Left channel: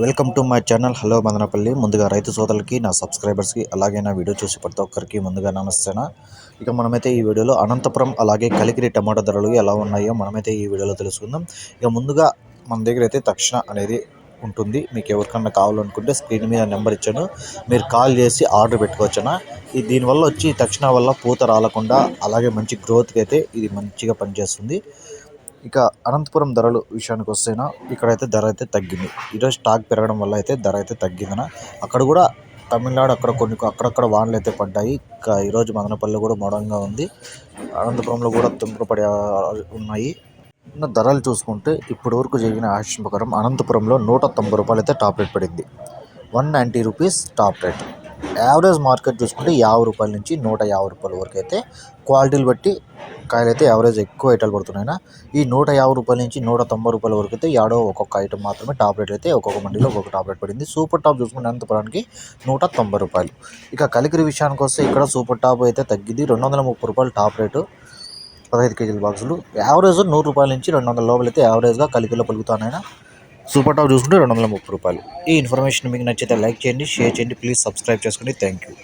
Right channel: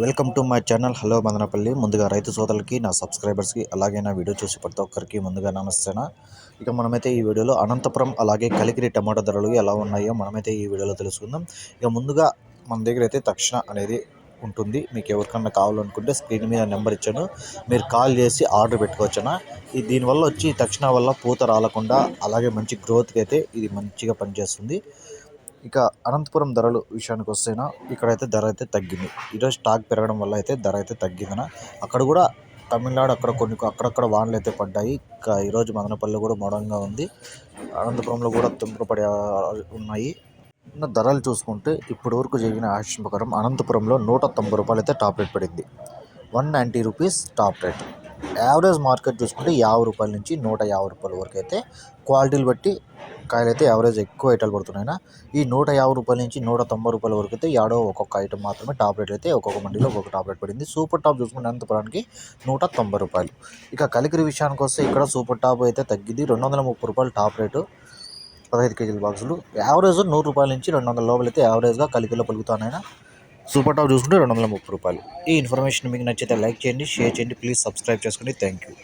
Welcome to my channel. Hello Madanapalle. ముందుగా రైతు సోదరులకి నా సబ్స్క్రైబర్స్కి అలాగే నా వీడియో చూసి ప్రతి ఒక్కరికి ముందుగా నమస్తేనా? ఇక మనమైతే ఈ వీడియోలో అనంతపురం అలాగే కలికిరి టమాటా ధరలు ఎలా ఉన్నాయో మనమైతే ఈ వీడియోలో తెలుసుకుందాం. ఇక ముందుగా మన దగ్గర అయితే తక్షణ అనేది ఉంటుంది. మీకు ఎవరికన్నా కావాలనుకుంటే స్క్రీన్ మీద నెంబర్ ఇచ్చాను. మీరు కాల్ చేసి ఆర్డర్ పెట్టుకోవచ్చునా? ఈ దీనివల్ల వచ్చి తక్షణ వల్ల పూత రాలకుండా అలాగే మంచి గ్రోత్కి అయితే ఇది మంచిగా పనిచేస్తుంది. ఇక అనంతపురం ధరలు విషయానికి వస్తేనా ఇక్కడైతే ధర అయితే తగ్గింది. ఈరోజు స్టాక్ పెరగడం వల్ల అయితే ధర అయితే తగ్గిందన. అక్కడ కూడా తమిళనాడు అక్కడ కొన్ని అక్కడక్కడ వానలు అయితే పడ్డాయి. ఇంకా ఈరోజు మదనపల్లి కూడా మోడంగా ఉంది. అనంతపురంలో కూడా తుంపలు పడే ఉన్నాయి. ధరలు చూసుకుంటే ఇప్పటి వరకు జరిగిన యాక్షన్ ప్రకారం అనంతపురంలో నూట తొంభై రూపాయలు అయితే టాప్ రేట్ పడింది. One ninety rupees top rate. Average market చూసుకుంటే యాభై రూపాయల నుంచి నూట యాభై రూపాయల వరకు అయితే క్వాలిటీలు బట్టి కాయలు అయితే యావరేజ్ ఎక్కువ ఐటాలు పడుతున్నాయినా ఈ నూట యాభై రూపాయల నుంచి నూట తొంభై రూపాయల వరకు అయితే యాడో ఒక్కొక్క ఐటమ్ మాత్రమే టాప్ రేట్ అయితే ఒక్కొక్క మండీలో ఒక్కొక్క టాప్ రేట్ పడింది. సూపర్ టాప్ చూసుకుంటే అనంతపురానికి నూట తొంభై రూపాయలు. ఇక కలికిరి విషయానికి వస్తే ఇక్కడ సూపర్ టాప్ అయితే తగ్గింది. రెండు వందల ముప్పై రూపాయలు టాప్ రేటు పదహైదు కేజీల బాక్సులు యావరేజ్ నూరు రూపాయల నుంచి రెండు వందల లోపల అయితే యావరేజ్గా కలికిలో పలుకుతానైనా సూపర్ టాప్ చూసుకుంటే రెండు వందల ముప్పై రూపాయలు. ఈ ఇన్ఫర్మేషన్ మీకు నచ్చితే లైక్ చేయండి షేర్ చేయండి. ప్లీజ్ సబ్స్క్రైబ్ చేసుకోండి థ్యాంక్ యూ